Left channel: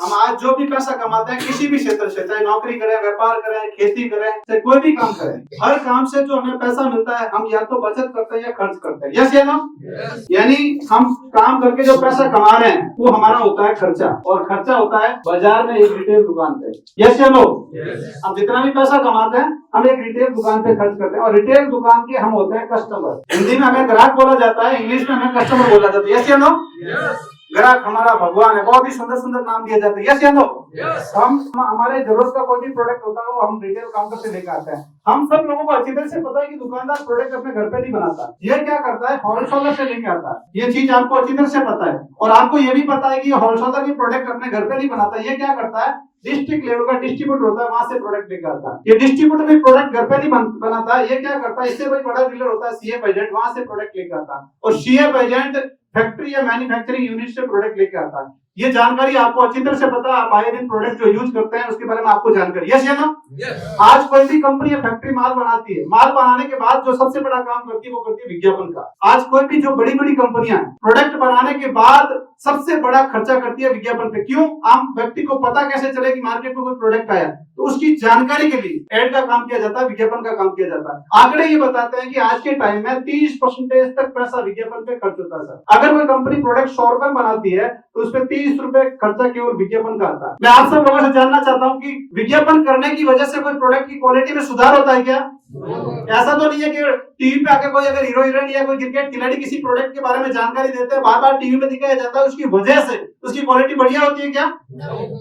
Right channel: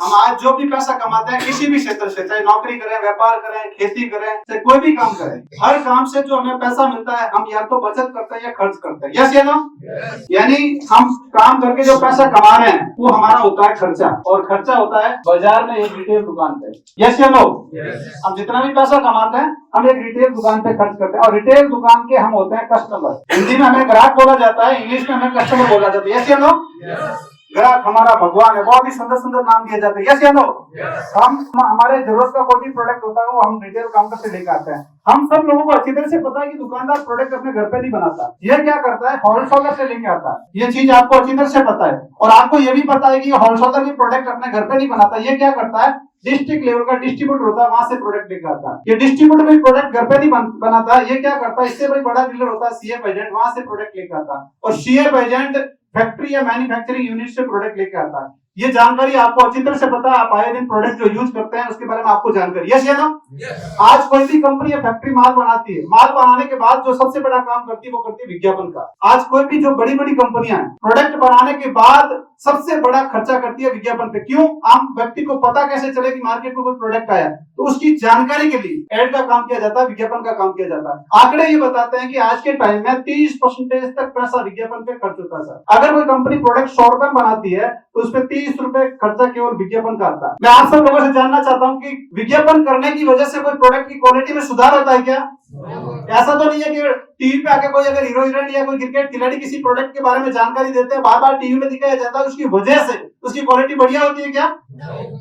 हम आज जो भी पैसा कमाते हैं किसी भी क्षेत्र से, चाहे नौकरी करें, व्यापार करें, खेती करें, चाहे कोई भी काम करें, हर काम से जो हमें पैसा मिलता है हम या तो बचत करते हैं या खर्च करते हैं। यस या नो? यानी हम काम करके जो पैसा कमा रहे हैं वो हमारा होता है खर्चा, और खर्चा होता है बाजार में एक रिटेल दुकान पे। यस या नो? हम जितना भी पैसा कमाते हैं हम एक रिटेल दुकान पे खर्च करते हैं, और रिटेल दुकान के हम होते हैं कस्टमर। हिंदी में हमें ग्राहक बोला जाता है, इंग्लिश में हमें कस्टमर बोला जाता है। यस या नो? ग्राहक हमारा भगवान है, बहुत ही सुंदर सुंदर नाम दिए जाते हैं। यस या नो? हम हमारे जरूरत का कोई भी प्रोडक्ट होता है वो हम रिटेल काउंटर से लेकर आते हैं। हम सब लोगों को अच्छी तरह से पता है कि दुकानदार प्रोडक्ट अपने घर पे नहीं बनाता, ये क्या करता है, होलसेलर से लेके आता है। ये चीज आपको अच्छी तरह से पता है, और आपको ये भी पता है कि होलसेलर भी प्रोडक्ट अपने घर पे नहीं बनाता। ये क्या करता है, डिस्ट्रिक्ट लेवल का डिस्ट्रीब्यूटर होता है, वहां से प्रोडक्ट लेकर आता है। ये डिस्ट्रीब्यूटर भी प्रोडक्ट घर पे नहीं बनाता है। ये क्या करता है, इससे कोई बड़ा डीलर होता है सीएफ एजेंट, वहां से प्रोडक्ट लेकर आता है, और सीएफ एजेंट फैक्ट्री या मैन्युफैक्चरिंग यूनिट से प्रोडक्ट लेकर आता है। ये जानकारी आपको अच्छी तरह से पता है, आप आए दिन प्रोडक्ट जो यूज करते हैं उसके बारे में आपको जानकारी। यस या नो? आज कोई भी कंपनी या फैक्ट्री माल बनाती है, माल बनाने के बाद जो सबसे बड़ा काम करती है वो करती है विज्ञापन का। आज कोई भी जो बड़ी बड़ी कंपनियां प्रोडक्ट बनाने के बाद सबसे बड़ा खर्चा करती है विज्ञापन पे। क्यों? आम व्यक्ति को पता कैसे चले कि मार्केट में कोई प्रोडक्ट आया, तो उसकी जानकारी के लिए एड का काम किया जाता है, विज्ञापन का काम किया जाता है। आंकड़े ये बताते हैं कि आज के टाइम में 30% तक पैसा विज्ञापन पे खर्च होता है। अगर कोई कंपनी प्रोडक्ट 100 रुपए बनाती है तो उसपे 30 रुपए खर्चा केवल विज्ञापन का आता है। मैं आप सब लोगों से जानना चाहता हूँ कि विज्ञापन करने की वजह से कोई प्रोडक्ट की क्वालिटी में सुधार होता है क्या? ऐसा तो नहीं है कि टीवी पे आकर कोई अगर हीरो हीरोइन या कोई क्रिकेट खिलाड़ी किसी प्रोडक्ट के बारे में जानकारी देते हैं, बार बार टीवी में दिखाया जाता है, उसकी वजह से उसकी क्वालिटी बढ़िया होती है क्या?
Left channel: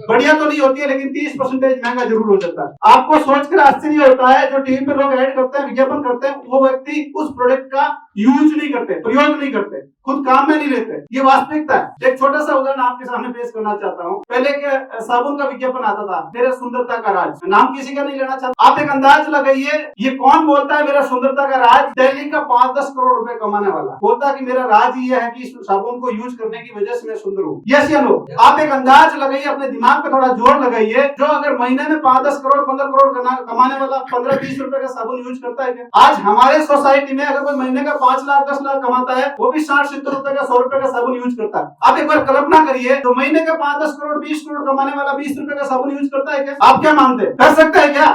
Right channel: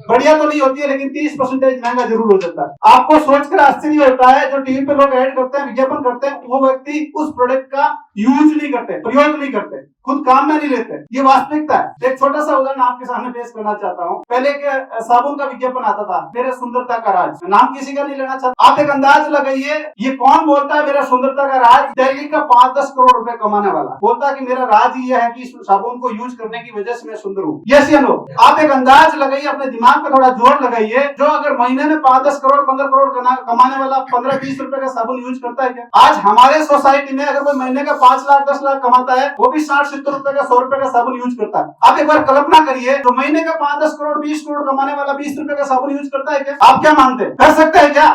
बढ़िया तो नहीं होती है, लेकिन 30% महंगा जरूर हो जाता है। आपको सोचकर आश्चर्य होता है, जो टीवी पे लोग ऐड करते हैं, विज्ञापन करते हैं, वो व्यक्ति उस प्रोडक्ट का यूज नहीं करते, प्रयोग नहीं करते, खुद काम में नहीं लेते। ये वास्तविकता है। एक छोटा सा उदाहरण आपके सामने पेश करना चाहता हूँ। पहले के साबुन का विज्ञापन आता था, मेरा सुंदरता का राज, नाम किसी का नहीं लेना चाहता। आप एक अंदाज लगाइए, ये कौन बोलता है मेरा सुंदरता का राज? दिल्ली का 5-10 करोड़ रुपए कमाने वाला बोलता है कि मेरा राज ये है कि साबुन को यूज करने की वजह से मैं सुंदर हूँ। यस या नो? आप एक अंदाज लगाइए, अपने दिमाग पे थोड़ा जोर लगाइए, जो अगर महीने में 5-10 करोड़ 15 करोड़ कमाने वाला 15-20 रुपए का साबुन यूज करता है क्या? आज हमारे सोसाइटी में अगर कोई महीने का 5 लाख 10 लाख कमाता है, वो भी 60-70 रुपए का 100 रुपए का साबुन यूज करता है। आप एक बार कल्पना करिए, तो महीने का 5-10 करोड़ 20 करोड़ कमाने वाला 20 रुपए का साबुन यूज करता है क्या? आप क्या मानते हैं, कर सकता है क्या?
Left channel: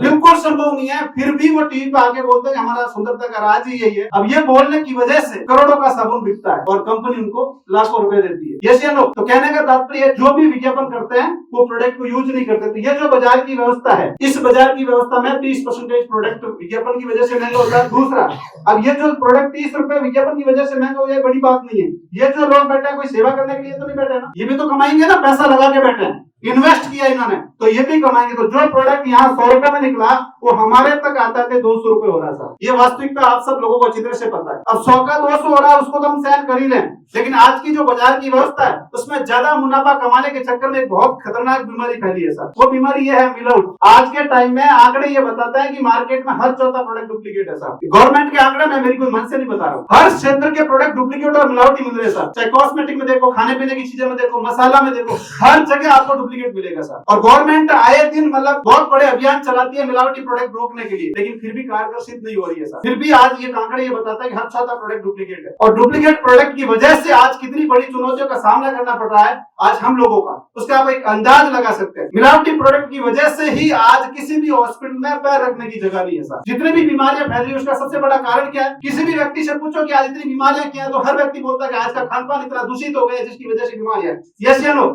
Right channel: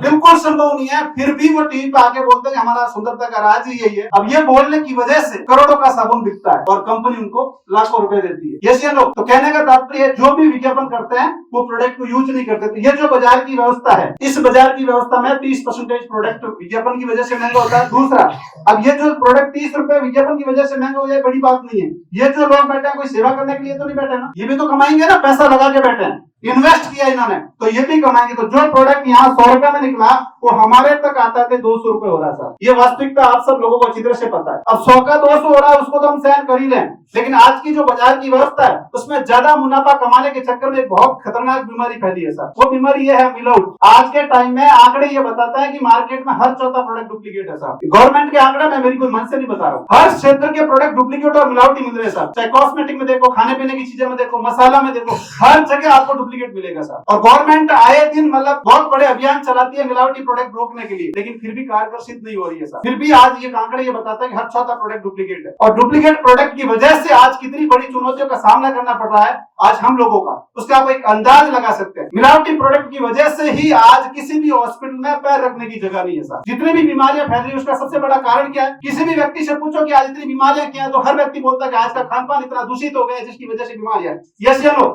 बिल्कुल संभव नहीं है। फिर भी वो टीवी पे आके बोलते हैं हमारा सुंदरता का राज ही यही है। अब ये बोलने की वजह से करोड़ों का साबुन बिकता है और कंपनी उनको लाखों रुपए देती है। यस या नो? तो कहने का तात्पर्य जो भी विज्ञापन करते हैं वो प्रोडक्ट को यूज नहीं करते। तो ये जो बाजार की व्यवस्था है, इस बाजार की व्यवस्था में 30% प्रोडक्ट विज्ञापन की वजह से महंगा होता है। दूसरा, अब ये जो प्रोडक्ट 30 रुपए विज्ञापन की वजह से महंगा हो जाए, बड़ी बात नहीं है। ये जो लोग बैठे हैं कोई सेवा करने के लिए तो नहीं बैठे ना, ये भी तो कमाएंगे ना, पैसा लगा के बैठे हैं, इन्वेस्ट किया इन्होंने, तो ये भी कमाएंगे। तो जो प्रोडक्ट यहाँ 100 रुपए में निकला वो हमारे तक आता है 200 रुपए हो रहा था। ये वास्तविकता आप सब लोगों को अच्छी तरह से पता है। अब 100 का 200 हो रहा है, उसको तो हम सहन कर ही लें, लेकिन आज की जो बाजार की व्यवस्था है उसमें ज्यादा मुनाफा कमाने के चक्कर में एक बहुत खतरनाक बीमारी फैली है सर। वो बीमारी ये है मिलावट। आज के टाइम में आंकड़े ये बताते हैं कि मार्केट में हर चौथा प्रोडक्ट डुप्लीकेट है सर। गवर्नमेंट के आंकड़े में, मेरी कोई मन से नहीं बता रहा हूँ, हर क्षेत्र के प्रोडक्ट डुप्लीकेट और मिलावटी मिल रहे हैं सर। चाहे कॉस्मेटिक में देखो, खाने पीने की चीजें में देखो, मसाला में देखो, हर जगह आपको डुप्लीकेट मिलेगा सर। और गवर्नमेंट आए दिन मतलब बहुत बड़े अभियान चलाती है मिलावटी प्रोडक्ट रोकने के लिए, लेकिन फिर भी कारगर सिद्ध नहीं हो रही है सर। फिर भी आज ये आंकड़े ये बताता है कि हर चौथा प्रोडक्ट डुप्लीकेट है, और डुप्लीकेट प्रोडक्ट की वजह से आज कितनी बड़ी चुनौतियों का सामना करना पड़ रहा है आज हम लोगों का, उसका आप एक अंदाज लगा सकते हैं। मिलावटी प्रोडक्ट की वजह से ही आज किसी भी हॉस्पिटल में पैर रखने की जगह नहीं है सर। जितनी भी बीमारियां फैल रही है उसका सबसे बड़ा कारण क्या है? किसी भी व्यक्ति से पूछो कि आज इतनी बीमारियां क्या है, तो हर व्यक्ति बोलता है कि आज का खान पान इतना दूषित हो गया जिसकी वजह से बीमारियां। यस या नो?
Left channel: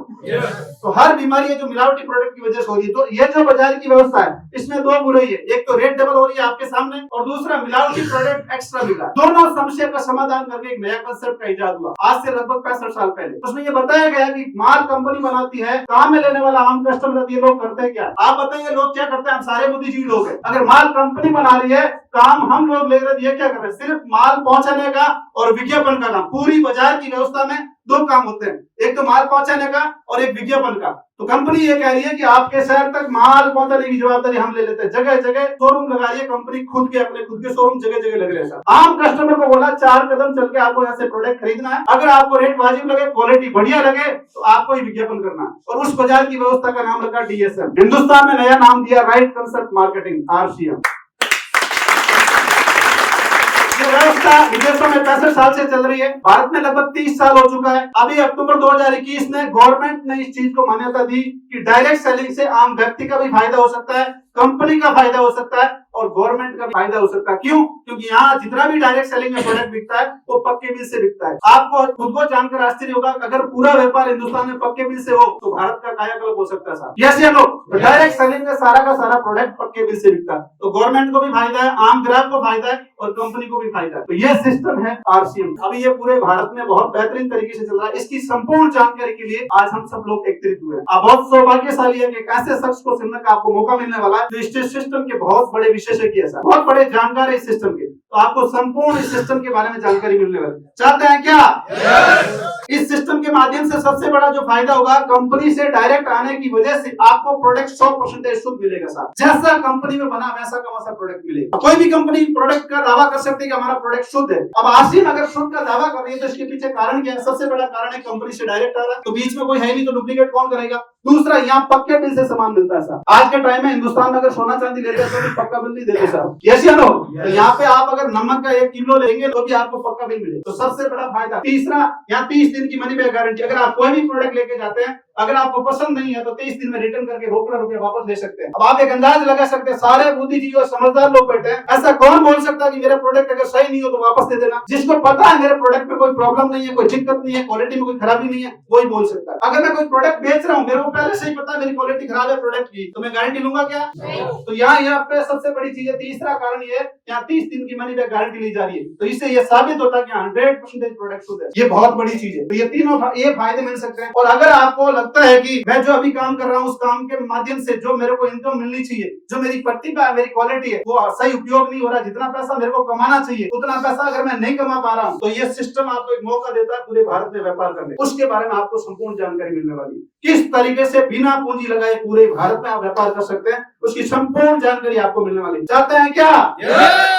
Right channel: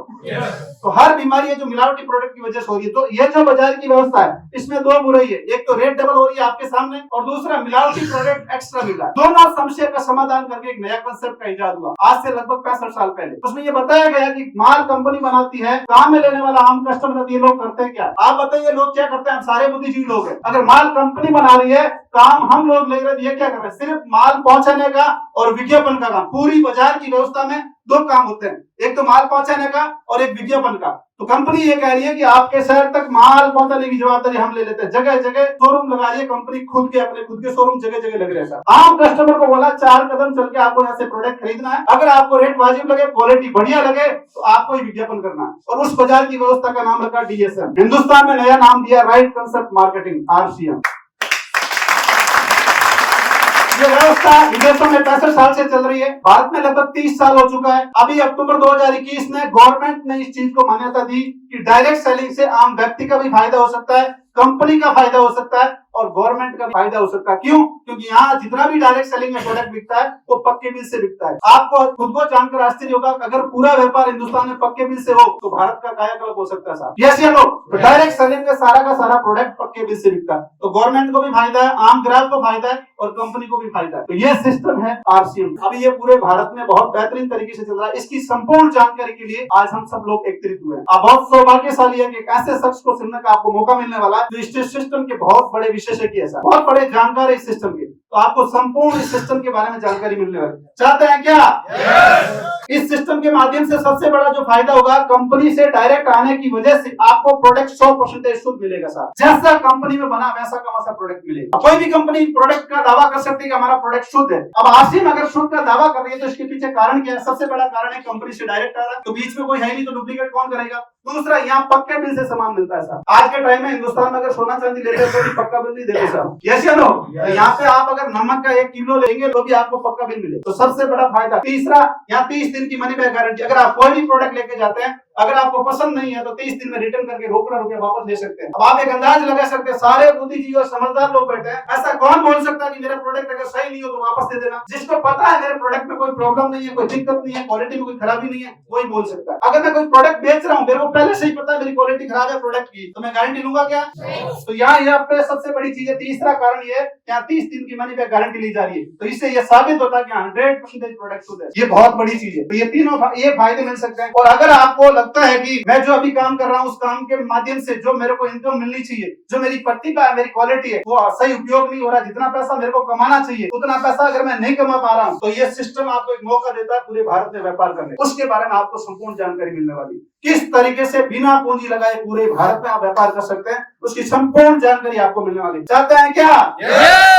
तो हर बीमारी जो मिलावटी प्रोडक्ट की वजह से हो रही है। तो ये जो बाजार की व्यवस्था है इसमें दो बुराई है, एक तो रेट डबल हो रही है आपके सामने, और दूसरा मिलावटी प्रोडक्ट एक्स्ट्रा मिल रहा है। दोनों समस्या का समाधान करके एक नया कंसेप्ट का इजाद हुआ आज से लगभग 65 साल पहले। उसमें ये बताया गया कि माल कंपनी बनाती है, काम में लेने वाला आम कस्टमर, ये लोग करते हैं क्या? आप बताइए लोग क्या करते हैं? हम सारे बुद्धिजीवी लोग हैं। अगर माल कंपनी बना रही है, काम हम लोग ले रहे हैं, ये क्या कर रहे हैं? सिर्फ माल पहुंचाने का और विज्ञापन का काम। पूरी बाजार की व्यवस्था में दो काम होते हैं, एक तो माल पहुंचाने का और एक विज्ञापन का। तो कंपनी ये कह रही है कि आपके शहर तक माल पहुंचाने की जवाबदारी हम ले लेते हैं। जगह जगह शोरूम लगा रही है कंपनी, खुद के शोरूम जगह जगह लग रहे हैं। आम कस्टमर को बोला 4 कदम चल के आपको यहाँ से प्रोडक्ट खरीदना है, अगर आपको रेट वाजिब लगे, क्वालिटी बढ़िया लगे, तो आपको ही विज्ञापन करना है। और उस बाजार की व्यवस्था का नाम रखा डीएसएम। हिंदुस्तान में नया नाम दिया राइट कंसेप्ट मार्केटिंग, RCM। ये व्यवस्था विदेशों में 65 साल से चल रही है, भारत में लगभग 30 साल हो चुका है। अभी अक्टूबर 2021 में गवर्नमेंट ने इस चीज को मान्यता दी कि डायरेक्ट सेलिंग से आम व्यक्ति का भी फायदा हो सकता है, कंपनी का फायदा हो सकता है और गवर्नमेंट का भी फायदा हो सकता है। क्यों? क्योंकि यहाँ जितना भी डायरेक्ट सेलिंग में प्रोडक्ट बिकता है वो पक्के बिल से बिकता है। आपको खुद को जानकर आश्चर्य होगा कि अगर पूरा व्यापार हिंदुस्तान में पक्के बिल से हो तो भारत का कायाकल्प हो सकता है साहब। यस या नो? डायरेक्ट सेलिंग में सारा का सारा प्रोडक्ट पक्के बिल से बिकता है, तो गवर्नमेंट को भी फायदा है, आम ग्राहक को फायदा है और कंपनी को भी फायदा है। तो ये सिस्टम है आरसीएम। अभी ये पूरे भारत में बहुत बेहतरीन तरीके से चल रहा है। इसकी संपूर्ण जानकारी के लिए आज हम सब लोग एकत्रित हुए हैं। अब बहुत सौभाग्यशाली है कि एक ऐसे शख्स को सुनने का आपको मौका मिलने वाला है जो इस सिस्टम के बहुत बड़े विशेषज्ञ है, बहुत बड़े जानकार है इस सिस्टम के। तो आपको संपूर्ण इस सिस्टम के बारे में जानकारी मिलने वाली है। चाहते हैं क्या? इस सिस्टम के माध्यम से सबसे बड़ा जो फायदा होगा, कंपनी से डायरेक्ट आने की वजह से आपको प्रोडक्ट 100% शुद्ध मिलेगा साहब। जैसा कंपनी में बना वैसा का वैसा प्रोडक्ट मिलेगा। कोई भी कंपनी प्रोडक्ट का दावा कर सकती है कि हमारा प्रोडक्ट शुद्ध है। अब आसिम अगर शुद्ध का दावा कर रही है तो इसके पीछे कारण क्या है? सबसे बड़ा कारण है कंपनी से डायरेक्ट आ रहा है, तो बीच में कोई है नहीं, तो डुप्लीकेट कौन करेगा? दूसरा, यहाँ पक्के बिल से सामान मिलता है साहब। आज के टाइम में हिंदुस्तान में अगर सोना चांदी लेते हैं तो भी पक्का बिल नहीं देते साहब। यस या नो? यहाँ पे आप अगर नमक का 1 किलो लेंगे तो भी आपको पक्का बिल मिले, तो सबसे बड़ा फायदा। तीसरा, यहाँ 30 दिन की मनी बैक गारंटी। अगर आप कोई भी प्रोडक्ट लेके जाते हैं, अगर आपको पसंद नहीं है तो 30 दिन में रिटर्न करके रोकड़ा रुपया वापस ले सकते हैं। अब आप एक अंदाज लगा सकते हैं, सारे बुद्धिजीवी और समझदार लोग बैठे हैं, ऐसा कौन बोल सकता है कि मेरा प्रोडक्ट अगर सही नहीं हो तो वापस दे देना? जिसको पता है मेरे प्रोडक्ट में कोई प्रॉब्लम नहीं है, कोई दिक्कत नहीं है, क्वालिटी में कोई खराबी नहीं है, वही बोल सकता है। अगर मैं कोई प्रोडक्ट बेच रहा हूँ, मेरे को पहले से ही पता है मेरी क्वालिटी खराब है प्रोडक्ट की, तो मैं गारंटी लूंगा क्या? तो यहाँ पे सबसे बड़ी चीज है, तीसरा कारण ये, यहाँ 30 दिन की मनी बैक गारंटी ली जा रही है, तो इससे ये साबित होता है कि 100% प्रोडक्ट शुद्ध है। ये बहुत बड़ी चीज है। तो ये तीनों ये फायदे मिल सकते हैं। और अगर आपको लगता है कि मैं जो अभी काम कर रहा हूँ उस काम के माध्यम से जो मेरे को इनकम मिलनी चाहिए, जो मेरी प्रतिभा है, मेरी क्वालिटी है, वो सही उपयोग नहीं हो रहा, जितना पैसा मेरे को कमाना चाहिए उतना पैसा अगर मैं नहीं कमा पा रहा हूँ, तो ये सिस्टम आपको एक मौका देता है पूरे भारत में व्यापार करने। उसके बारे में आपको संपूर्ण जानकारी मिलने वाली, किस तरीके से बिना पूंजी लगाए पूरे भारत में आप व्यापार कर सकते हैं, उसकी संपूर्ण जानकारी आपको मिलने वाली। चाहते हैं क्या?